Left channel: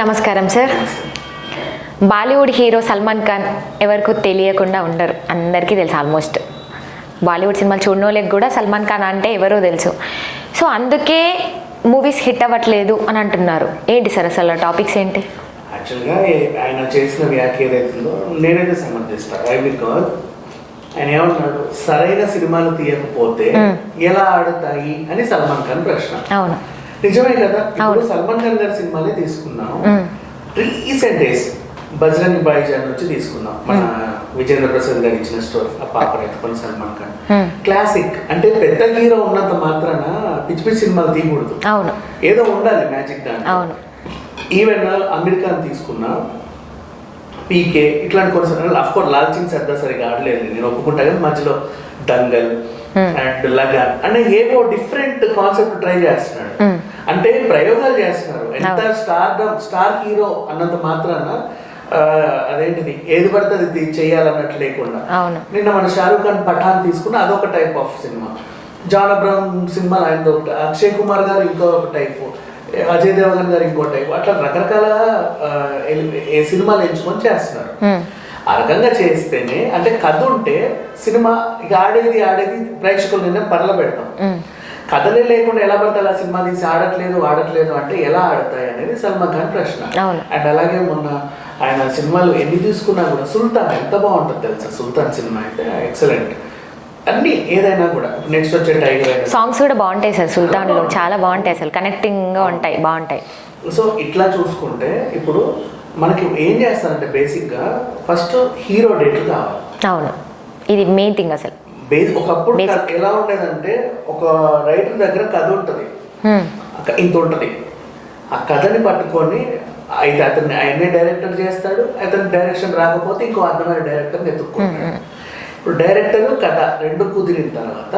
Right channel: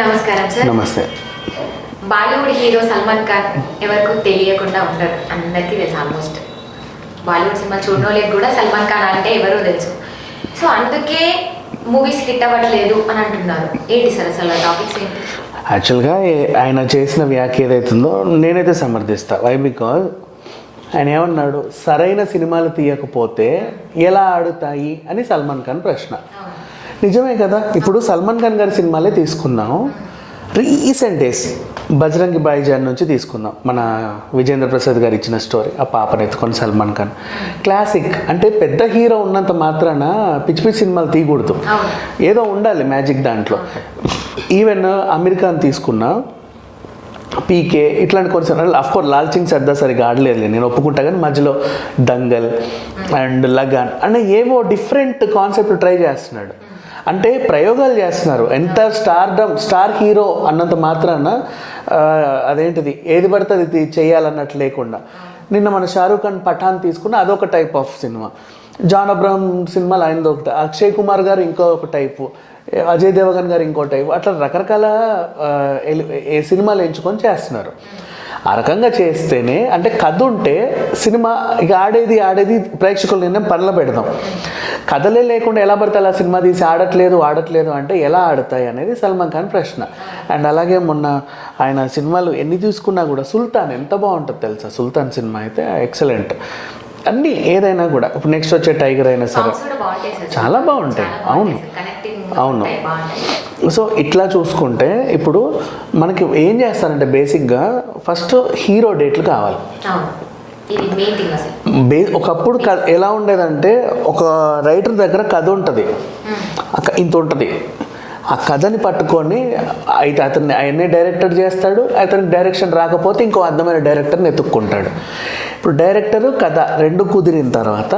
నమస్కారం సార్. నమస్తే. బాలీవుడ్ హీరో సల్మాన్ ఖాన్ ఎవరికో తెలియకుండా ఉండరు, అందరికీ తెలుసు. ఆల్మోస్ట్ బాలీవుడ్ సినిమా చూడనోళ్ళకి కూడా సల్మాన్ ఖాన్ అంటే ఎవరో తెలుసు. సో అందుకే మూవీస్ హిట్ అవ్వట్లేదు అని అంటున్నారు. ఏంటి సార్ అసలు టాపిక్స్ ఏంటి? యాక్చువల్గా ఆయన చేసిన వ్యాఖ్య ఏదైతుందో నేనైతే సమర్థిస్తా. వై బికాజ్ ఆయన ఏమన్నాడు, సరైన సినిమాలు తీయకపోతే ఎలా ఆడుతాయి అని సల్మాన్ ఖాన్ ప్రశ్న. అవును, నిజమే కదా. ఇప్పుడు సల్మాన్ ఖాన్ గారి సినిమాలే తీసుకున్నాం. రీసెంట్ డేస్ బజరంగి భాయిజాన్ నుంచి తీసుకుందాం. మన విజేంద్ర ప్రసాద్ గారు ఇచ్చిన స్టోరీ, ఆ పాపను ఎత్తుకొని సల్మాన్ ఖాన్ క్లాసిక్. అంటే పెద్ద హీరో ఉన్నంత మాత్రాన పిచ్చి పిచ్చి సినిమాలు తీయకూడదు, ఏదో ఉండాలి మ్యాజిక్ దాంట్లో. ఈవెన్ అమీర్ ఖాన్ తీసుకున్నా, పీకే, ఇట్లాంటి కొన్ని అఫ్కోర్స్ లాల్ సింగ్ సర్దార్ సరిగా ఆడలేదు, నేను ఒప్పుకుంటా. కానీ మధ్యలో దంగల్ అండ్ లగాన్ అంటే ఏవో డిఫరెంట్ కాన్సెప్ట్ ట్రై చేస్తున్నాడు. అంటే ప్రయోగాలు చేస్తున్నారు. ఎంత స్టార్ హీరో అన్నంత మాత్రాన అదేంటిది ఏది పడితే అది చేయాలన్నట్టు లేకుండా. నిన్న మన షారూక్ ఖాన్ పఠాన్ తీసుకున్న అదొక టైప్ ఆఫ్ సినిమా, జాన్ అబ్రహం సినిమాలు ఆయనది ఒకటి, అక్షయ్ కుమార్ గారు ఇంకో ఒక టైపు, అజయ్ దేవగన్ గారు ఇంకో టైపు, అట్లా రకరకాల సినిమాలు ఎంచుకొని చేస్తున్నారు. ఆ రకంగా చేస్తేనే అంటే కథ ఉంటే సినిమా ఇక ఆడేది ప్రేక్షకులు నిన్న పనులు పెడదాం. కథలే లేకుండా ఎలా పడితే అలా సినిమా తీసి ఆడట్లేదు అంటే ఎలా ఆడతాయి అనేది సల్మాన్ ఖాన్ ప్రశ్న. అండ్ అలాగే మొన్న ఆయన సినిమాలు ఎన్ని తీసుకున్నా కూడా సుల్తాన్ ఎంత బాగుంటుంది తెలుసా. సుల్తాన్ సినిమా అయితే ఎక్సలెంట్. అన్ని ఏదైనా కూడా ఇప్పుడు నెక్స్ట్ వచ్చే టైగర్ అయినా సాంగ్స్ కూడా బాగుంటాయి సార్, చాలా బాగుంటాయి అసలు, కనెక్టింగ్ గా ఉంటాయి, బాగుంటాయి. సో ఇట్లా చూసుకుంటే ఇప్పుడు మనకి ఏం చేస్తారంటే బేసిక్గా ఫస్ట్ హీరో డేట్లు కావాలి. అవును, ఇది మెయిన్ థింగ్ అసలు. ఒకప్పుడు ఎలా ఉండేదంటే ఒక రైటర్ దగ్గర కథ ఉంటుంది, ఇంత ఉంటుంది. ఆ కథని పట్టుకొని అయితే అతన్ని ఆయనే డైరెక్టర్ చేస్తాడు. అతనికి డైరెక్షన్ రాకపోతే ఇంకో అందమైన డైరెక్టర్ని ఎత్తుక్కుంటాడు. ఇప్పుడు డైరెక్టరు కథ రెండు కుదిరిన తర్వాత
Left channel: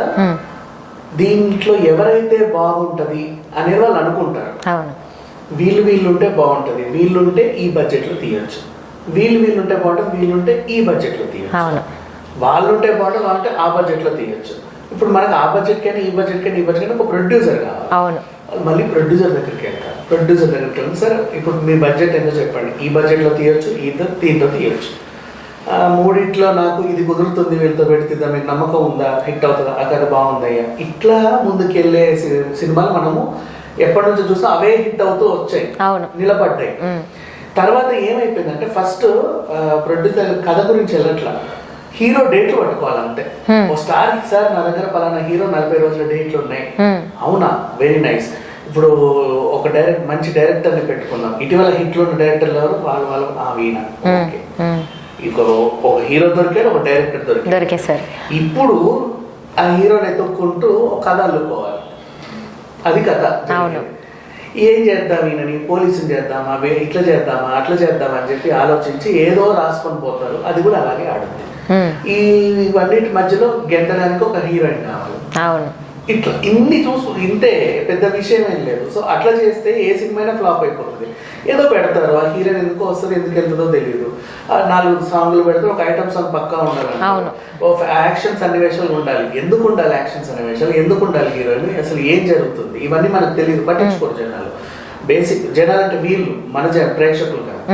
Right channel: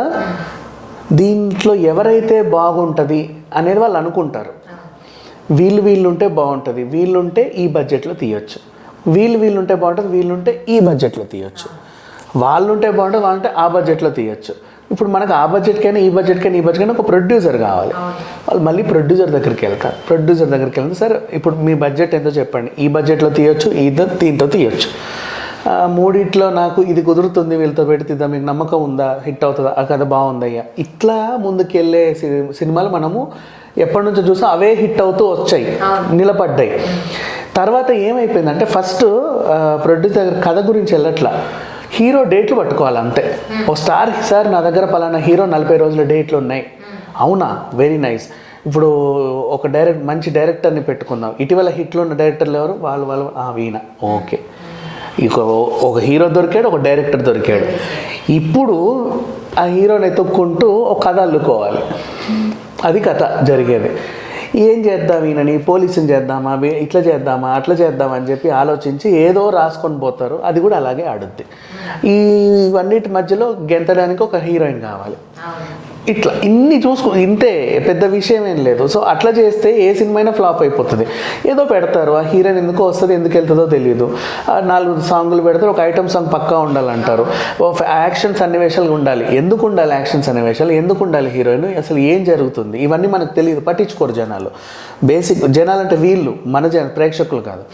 దీంట్లో ఎవరైతే బాగుంటుంది అనేది వాళ్ళు అనుకుంటారు. వీళ్ళుంటే బాగుంటుంది, వీళ్ళుంటే ఈ బడ్జెట్లో తీయొచ్చు, వీళ్ళుంటే బాగుంటుంది, వీళ్ళుంటే ఈ బడ్జెట్లో తీయొచ్చు, వాళ్ళుంటే బాగుంటుంది, వాళ్ళంటే ఆ బడ్జెట్లో తీయొచ్చు. ఇప్పుడు మనకు ఆ బడ్జెట్కైనా ఈ బడ్జెట్కైనా ఒక ప్రొడ్యూసర్ కావాలి. వాళ్ళు మళ్ళీ ప్రొడ్యూసర్ దగ్గరికి వెళ్తారు. సరే ఇప్పుడు మీ బడ్జెట్ ఎంతో చెప్పండి, ఈ బడ్జెట్లో తీయొచ్చు, దీంతో తీయొచ్చు, మూడిట్లో నాకు ఇది కుదురుతుంది, వీళ్ళతో పెడితే మీకు నమ్మకం ఉందా, హిట్ అవుతుందా, ఆ కథ బాగుందయ్యా. ఇట్లా ముందుకెళ్ళే సినిమాలు మనము ఎప్పటి నుంచో చూసాం, అవే హిట్ అవుతూ వచ్చాయి, నిలబడ్డాయి. తర్వాత ఏమైపోయిందంటే ఫస్ట్ ప్రొడ్యూసర్ కథ గురించి వెళ్ళట్లా, హీరో డేట్లు పట్టుకోవాలి అంతే. ఓ స్టార్కి సార్ నా దగ్గర పలానా హీరో 40 రోజుల డేట్లు ఉన్నాయి, అవునా, వెరీ నైస్. ఇప్పుడు ఒక మంచి డైరెక్టర్ని పెట్టుకుందాం. ఇటీవల హిట్లో ఉన్న డైరెక్టర్లు ఎవరు, వాళ్ళు వీణ, ఓకే. ఒక హీరో దొరికాడు, ఒక డైరెక్టర్ దొరికాడు. ఇప్పుడు ఆ హీరోని ఎత్తుక్కుంటూ ఒక కథ అల్లుకోవాలి, అది కథ జరిగేది. ఏం చేద్దాం, ఈయనని పోలీసుని చేద్దామా, ఇట్లా చేద్దామా, అట్లా చేద్దామా అని చెప్పి ఆలోచించి ఏదో రాసుకొని పోతారు. అది కూడా అలాగే ఆడుద్ది. ఇవన్నిటి మధ్యలో గెంతడానికి ఒక హీరోయిన్ కావాలి. ఇట్లా ఇన్ని ఇంతే, పెద్ద విషయం ఏం లేదు. సో అట్లా చేస్తే ఏ సినిమా అయినా ఫ్లాప్ అయిపోతుంది. ఏదో పెడతారు, ఆ హీరోయిన్ ఎందుకు వస్తుంది, ఎందుకు వెళ్తుందో తెలియదు, 4 సాంగులు పెడతారు, ఒక ఐటమ్ సాంగ్ పక్కా ఉండాలంటారు, యాక్షన్ సన్నివేశాలు ఉండాలి. ఎందుకు ఉండాలి యాక్షన్ సన్నివేశాలు, ఎందుకు ఉండాలి హీరోయిన్, అసలు ఏం జరుగుతుంది, ఇవన్నీ మనకు తెలియదు, పట్టించుకోరు జనాలు. బేసిక్ జనాలు అంటే వీళ్ళు మన ప్రేక్షకులు కాదు.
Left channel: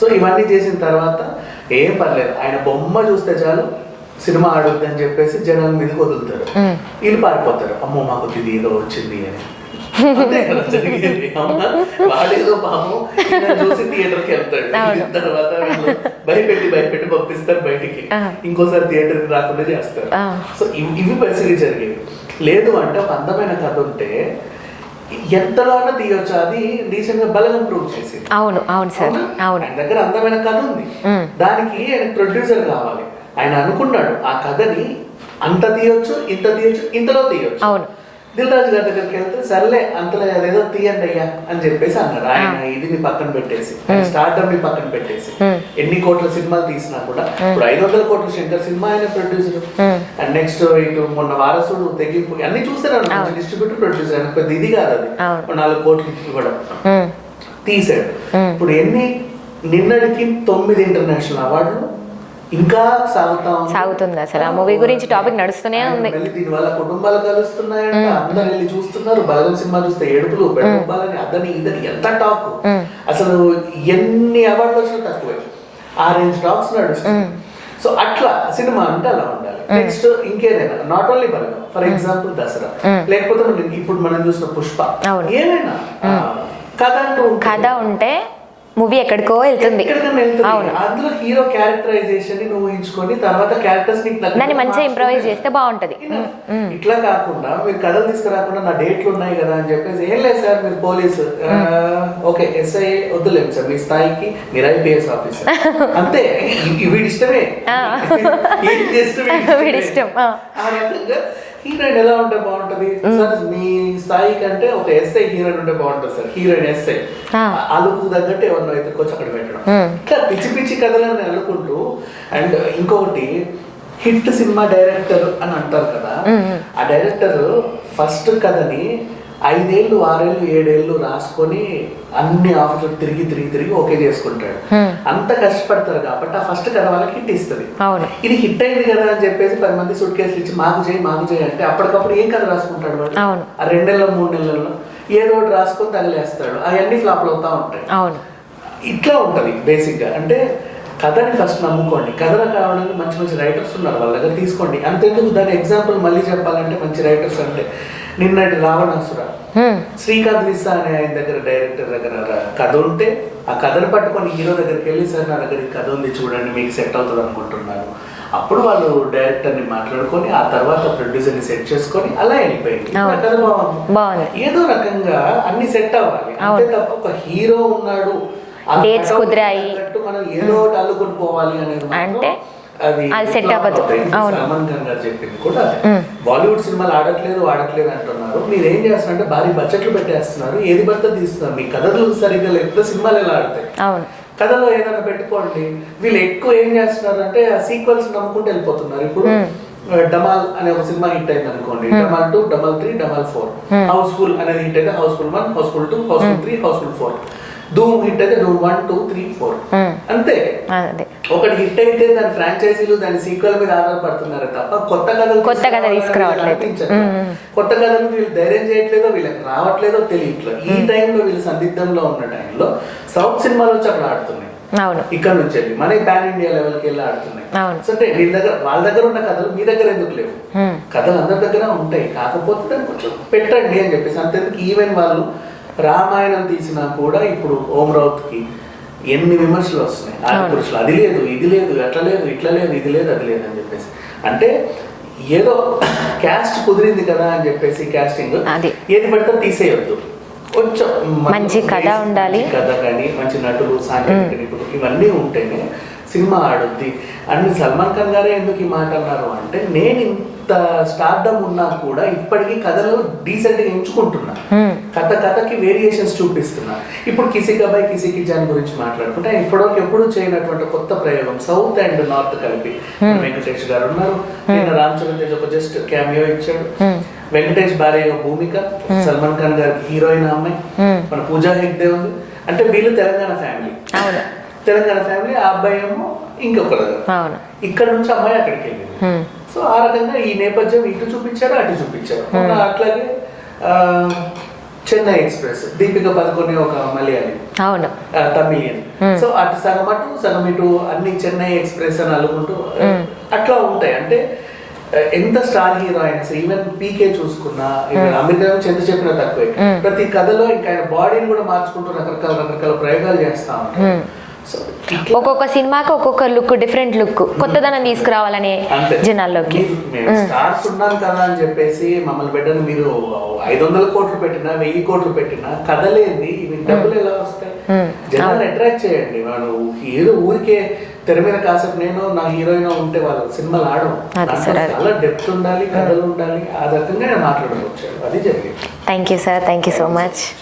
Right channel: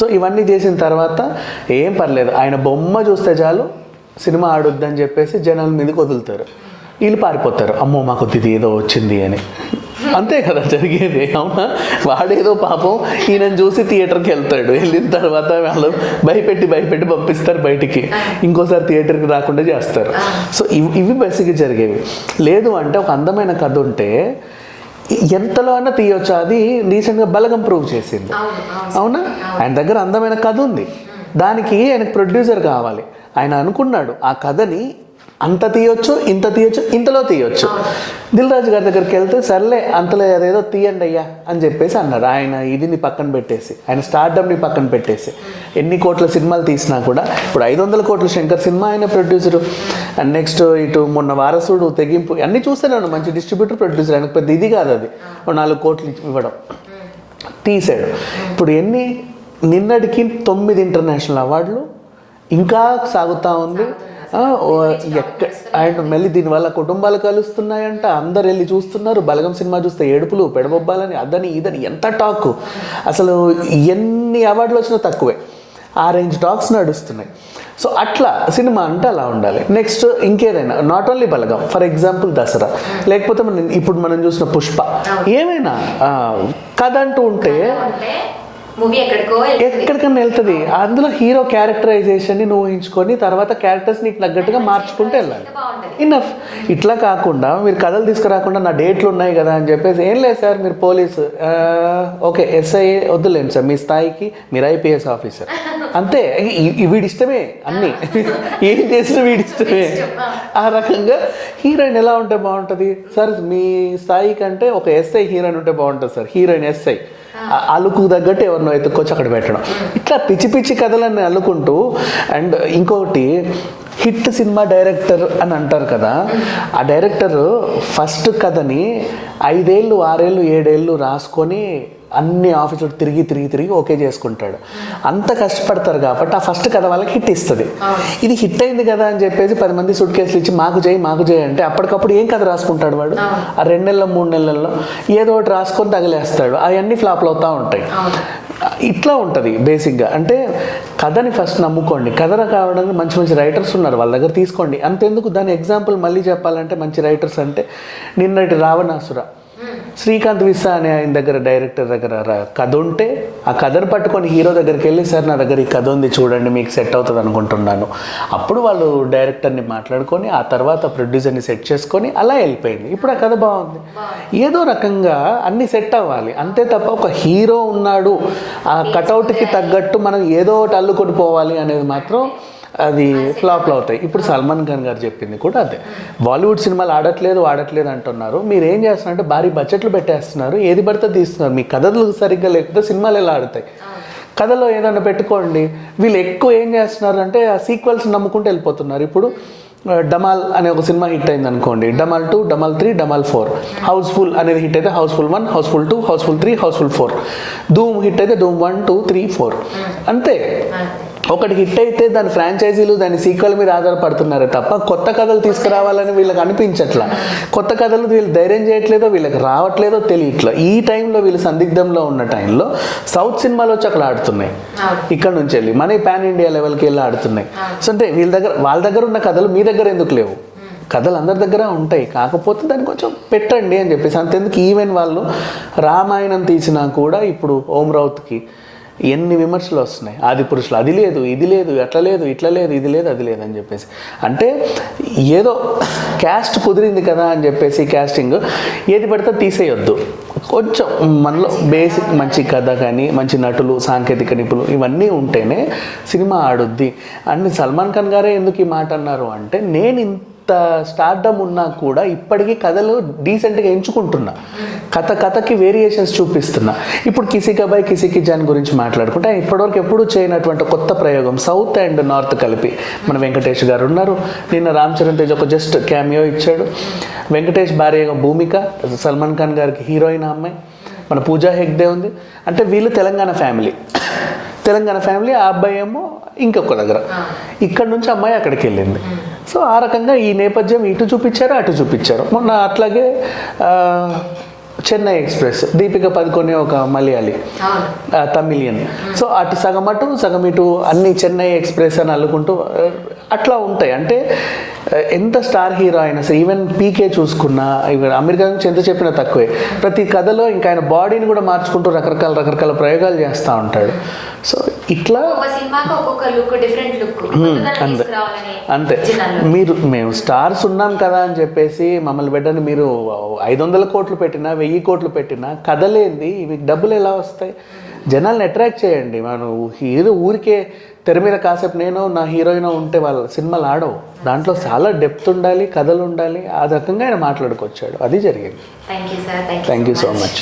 సో ఇవన్నీ చేసిన తర్వాత ఏం పర్లేదు, ఆయన బొమ్మ చూస్తే చాలు సినిమా ఆడొద్దని చెప్పేసి జనాల మీదకి వదులుతారు. వీళ్ళు పారిపోతారు, అమ్మో మాకు ఇది ఏదో వచ్చింది అని. అంతే కదా జరిగేది. వాడేదో పాపం ఈయన చూసి థియేటర్కి వెళ్తాడు, వెళ్ళిన తర్వాత వాళ్ళు భయపెట్టి పంపిస్తారు బయటికి, ఇంకోసారి థియేటర్కి రాకుండా చేస్తారు. సో ఇవి బేసిక్గా జరిగేవి. లేదు అంటే ఒక అందమైన కథ ఉంటే ఎంతలో అన్నా తీయొచ్చు. అది రీసెంట్గా బలగం ప్రూవ్ చేసింది. అవునా, ఆయన దగ్గర అందమైన కథ ఉంది, దానికి ఆయనకు ప్రొడ్యూసర్ కావాలి. ఆయన అనుకున్నాడు ఆ కథని అంత తీయొచ్చు, ఇంత తీయొచ్చు, ఇంతలో తీయొచ్చు. దిల్ రాజు గారి దగ్గరికి వెళ్తే సర్లే అంతలో అదేదో తీయండి అయ్యా అని చెప్పేసి అన్నారు. ఆయన ఇదిని పక్కన పెట్టేసి, ఆయన స్టార్డమ్ని పక్కన పెట్టేసి, ఎన్ని కోట్ల సినిమాలు తీసినా కూడా, ఇప్పుడు 500 కోట్ల శంకర్ సినిమా ఆయన ప్రొడ్యూసర్. అండ్ నెక్స్ట్ ఇటు మొన్న వారసుడు, తెగింపు, అన్ని చూస్తేనే మంచి డిస్ట్రిబ్యూటర్, ప్రొడ్యూసర్. ఆయన పెద్ద ఇది కాదు, అది 4 కోట్లు ఇవ్వడం తీసాడు. ఇప్పుడు నిన్నటికి 9 ఇంటర్నేషనల్ అవార్డులు, ఇంకా సాగుతా సాగుతుంది అసలు ఆ మూవీ గురించి టాపిక్ నడుస్తూనే ఉంది. మళ్ళీ దీని వల్ల కుటుంబాలు కలుస్తున్నాయంట, అందరు వెళ్ళి చూస్తున్నారు. బలగం సినిమా చూస్తే ఏడుపులు పెడబొబ్బాలని అదని ఇదని ఎంత టాక్, అసలు ఎన్ని అవార్డులు వచ్చినా తక్కువే, ఆ రేంజ్ టాక్స్ నడుస్తుంది. సో అట్లా సినిమా అంటే అలా ఉండాలి. నెక్స్ట్ ఇంకేదైనా, not only Balagam, for example Dasara, లేకపోతే ఇప్పుడు మనం చూసిన పుష్ప, ఏమైనా కథ అంటూ ఉంటే మూవీ ఎక్కడికైనా వెళ్తుంది. అందులో హీరో క్యారెక్టరైజేషన్ ని నువ్వు ఊహించుకొని తర్వాత క్యారెక్టర్స్ నీకు ఇనఫ్. ఇట్లా కాకుండా మీరు కథలు తీసుకురాకుండా నా డేట్లు ఉన్నాయి కదా అని చెప్పేసి, ఏం లేదు సార్ మీరు పోలీసు, ఓకే ఎస్ఐ వద్దులేండి సార్, మీ స్థాయికి మీరు ఐపీఎస్ ఆఫీసర్ అంతే, వీడి ఇష్టమే, ఏం చేసిన వీడి ఇష్టమే. ఆ రకంగా హీరోయిన్ ఎలా ఉంటే బాగుంటది సార్, మీ స్థాయి కంటే ఒక ఎస్ఐ హీరోయిన్ ఉంటే బాగుంటుంది సార్, హీరోయిన్ ఎస్ఐ అలుకు తగ్గట్టు ఎవరినో ఎత్తుక్కొచ్చి అక్కడ పెట్టడం. ఇట్లా పిచ్చి పిచ్చి కథలన్నీ అల్లుకుంటూ. అండ్ ఇంకొకటి, హిట్ సినిమా డైరెక్టర్ అని అంటారు కదా, ఆ డైరెక్టర్ ఫస్ట్ కథని 5 ఏళ్ళు 6 ఏళ్ళు 7 ఏళ్ళు రాసుకొని అన్ని ఆఫీసులకు తిరిగి తిరిగి తిరిగి ఓకే చేసుకుంటాడు. అంత కష్టపడతారు కాబట్టి ఆ ఫస్ట్ కథ వాళ్ళకి హిట్ ఇస్తుంది. ఇది హిట్ అయింది కదా అని చెప్పేసి 10 మంది సూట్ కేసులు ఇచ్చి మాకు చేయి అంటే అప్పటికప్పుడు ఏం కథ రాసుకుంటాడు వాడు? ఆ 2 నెలల్లో 3 నెలల్లో ఏదో ఒకటి రాసుకొని తగిలేస్తాడు, అవన్నీ ఫ్లాప్లు అవుతా ఉంటాయి. ఇట్లా ఉంటుంది బేసిక్గా. అంటే కథని ఫస్ట్ నమ్ముకోండి, కథలు కావడానికి మంచి మంచి రైటర్స్ ఉన్నారు, వాళ్ళ దగ్గర తీసుకోండి. అంతెందుకు, దాని ఎగ్జాంపుల్ మళ్ళీ చెప్పాలంటే మంచి రైటర్స్ అంటే నిన్నటి రావణాసుర, శ్రీకాంత్ విసా అనే ఆయన దగ్గర, డైరెక్టర్ దగ్గర కథ ఉంటే ఆ కథను పట్టుకొని హీరో దగ్గరికి వెళ్ళి, సార్ నా దగ్గర ఈ కథ ఉంది చూడండి మీకు సెట్ అవుతుంది అనుకుంటున్నాను, అప్పుడు వాళ్ళు డైరెక్టర్ని మాట్లాడుకొని ఆ తర్వాత ప్రొడ్యూసర్ని సెట్ చేసుకొని అలా వెళ్ళిపోయింది. ఇప్పుడు ఆ కథ బాగుంది. ఏదో రకంగా అన్ని సెట్ అవ్వాలి అంతే తప్ప ఒక హీరో ఉన్నాడు ఆ కటౌట్కి తగ్గట్టు మనం ఏదో ఒకటి అల్లుకొని పోవాలి అనేది మాత్రం అది ఫ్లాప్ అవుతాయి. ఇప్పుడు సల్మాన్ ఖాన్ గారు చెప్పింది కూడా అదే, బాలీవుడ్ సినిమాలు ఆడట్లేదు అంటున్నారు, మీరు ఏం చేస్తున్నారంటే భారీ బడ్జెట్లు పెట్టేస్తున్నారు, ఏది పడితే తీస్తున్నారు, మీ కథలు సరిగ్గా లేకపోతే సినిమాలు ఎలా ఆడతాయి? కథలో ఏదైనా పెట్టుకోండి. వీళ్ళు ఎక్కువ ఏం చేస్తున్నారు అంటే సీక్వెల్స్ నమ్ముకుంటూ వెళ్ళిపోతున్నారు. ఇప్పుడు డమాల్ అనే ఒక సినిమా హిట్ అయింది అనుకోండి, డమాల్ 2, డమాల్ 3, డమాల్ 4. హౌస్ఫుల్ అనేది హిట్ అయితే హౌస్ఫుల్ 1, హౌస్ఫుల్ 2, హౌస్ఫుల్ 3, హౌస్ఫుల్ 4. ధూమ్ హిట్ అయితే ధూమ్ 1, 2, 3, 4 అంతే. ఒకటి హిట్ అయితే దాని ఫ్రాంచైజీలు దాని సీక్వెల్ మీద ఆధారపడుతున్నారే తప్ప కొత్త కథలు తీసుకురావాలని వీళ్ళకి అనిపించట్లా. కొత్త కథలు వీళ్ళు ధైర్యం చేయట్లేదో, వీళ్ళకి రావట్లేదో తెలియట్లా. ఈ టైంలో వీళ్ళు సందిగ్ధంలో ఉన్న టైంలో సౌత్ సినిమాలు వచ్చి అక్కడ ఆడుతున్నాయి, ఇక్కడ నుంచి వెళ్ళి మన పాన్ ఇండియా లెవెల్కి వెళ్ళి ఆడుతున్నాయి. సో అంటే వాళ్ళ దగ్గర ఉన్న కథలు మీ దగ్గర ఎందుకు లేవు? కథలు అందరి దగ్గర ఉంటాయి, కాకపోతే దాన్ని కొంచెం పెట్టండి అని చెప్పేసి. అంతెందుకు, ఈవెన్ వాళ్ళు రామాయణం తీసినా కూడా ఇప్పుడు ఓం రౌత్కి ఎన్ని విమర్శలు వస్తున్నాయి, ఆది పురుషులు అది లేదు ఇది లేదు అట్లా లేదు ఇట్లా లేదు ఇది లేదు అది లేదు అని చెప్పేసి. అంటే ఏదో క్యాస్ట్ కుదిరింది కదా అని చెప్పేసి క్యాస్టింగ్ ఏది పడితే తీసేయొద్దు. కొంచెం బేసిక్ మంచి కథ కానీ మంచి నటులు సాంకేతిక నిపుణులు ఇవన్నీ ఉంటేనే సినిమా ఆడుద్ది. అండ్ సల్మాన్ ఖాన్ గారే ఎందుకు ఈ మాట అన్నారు అంటే, నేను ఇంత స్టార్డమ్ ఉన్నా కూడా ఇప్పటికీ కథలు డీసెంట్గా ఎంచుకుంటున్నా, కథకి వేరియేషన్స్ చూపిస్తున్నా. ఇప్పుడు కిసికా బాయ్ కిసికి జాన్ గురించి మాట్లాడుకుంటే ఇప్పటివరకు ఎప్పుడూ చేయనటువంటి కొత్త ప్రయోగం, సౌత్ అండ్ నార్త్ కలిపి. మన వెంకటేష్ గారు ఉన్నారు, నిన్న రామ్ చరణ్ తేజ్ ఒక జస్ట్ క్యామియో ఇచ్చాడు. వెంకటేష్ భార్య భూమిక, సల్మాన్ ఖాన్ గారికి హీరోయిన్ అమ్మాయి, మన పూజా హెగ్డే ఉంది. అంటే వీళ్ళు తెలంగాణ ఫ్యామిలీ, ఆ అబ్బాయి ఏమో ఇంకొక దగ్గర, ఇక్కడ నుంచి అమ్మాయి అక్కడికి వెళ్ళింది. సో ఆ రకంగా ఈ నేపథ్యం ఇటు చూపించారు అటు చూపించారు. మొన్న అట్లాగే చెన్నై ఎక్స్ప్రెస్, దీపిక పదుకొనే ఒక మలయాళి తమిళియన్. సో అటు సగం ఇటు అన్ని చెన్నై ఎక్స్ప్రెస్ అని అల్లుకుంటూ అట్లా ఉంటాయి. అంటే ఎంత స్టార్ హీరో అయినా సరే, ఈవెన్ పీకే చూసుకున్నా, ఈవెన్ అమెరికా నుంచి ఎంత చెప్పినా తక్కువే. ప్రతి కథలో ఇంకా ఆయన బాడీని కూడా మార్చుకుంటూ రకరకాల ప్రయోగాలు చేస్తూ ఉంటాడు. సో ఇట్లా ఒక్కొక్క సినిమాకి ఒక్కొక్క లుక్, డిఫరెంట్ లుక్, కొత్తదనం తీసుకురావాలని జనాల్లో. మేము స్టార్స్ ఉన్నాం కదా అని చెప్పేసి మమ్మల్ని పెట్టని మీరు 500 కోట్లు పెట్టినా 1000 కోట్లు పెట్టినా కథలేంది, డబ్బులు ఎలా వస్తాయి? జనాల్ని అట్రాక్ట్ చేయండి. మనం ఏదో ఊరికే తెర మీద కాసేపు నేను నా హీరోయిన్ ఉంటే వాళ్ళ సినిమాలు ఆడవు. దాంట్లో చాలా డెప్త్ ఉండాలి, కథలు ఉండాలి. ఆ రకంగా ఆయన మాట్లాడుకొచ్చాడు, అది జరిగింది. Thank you sir, thank you so much.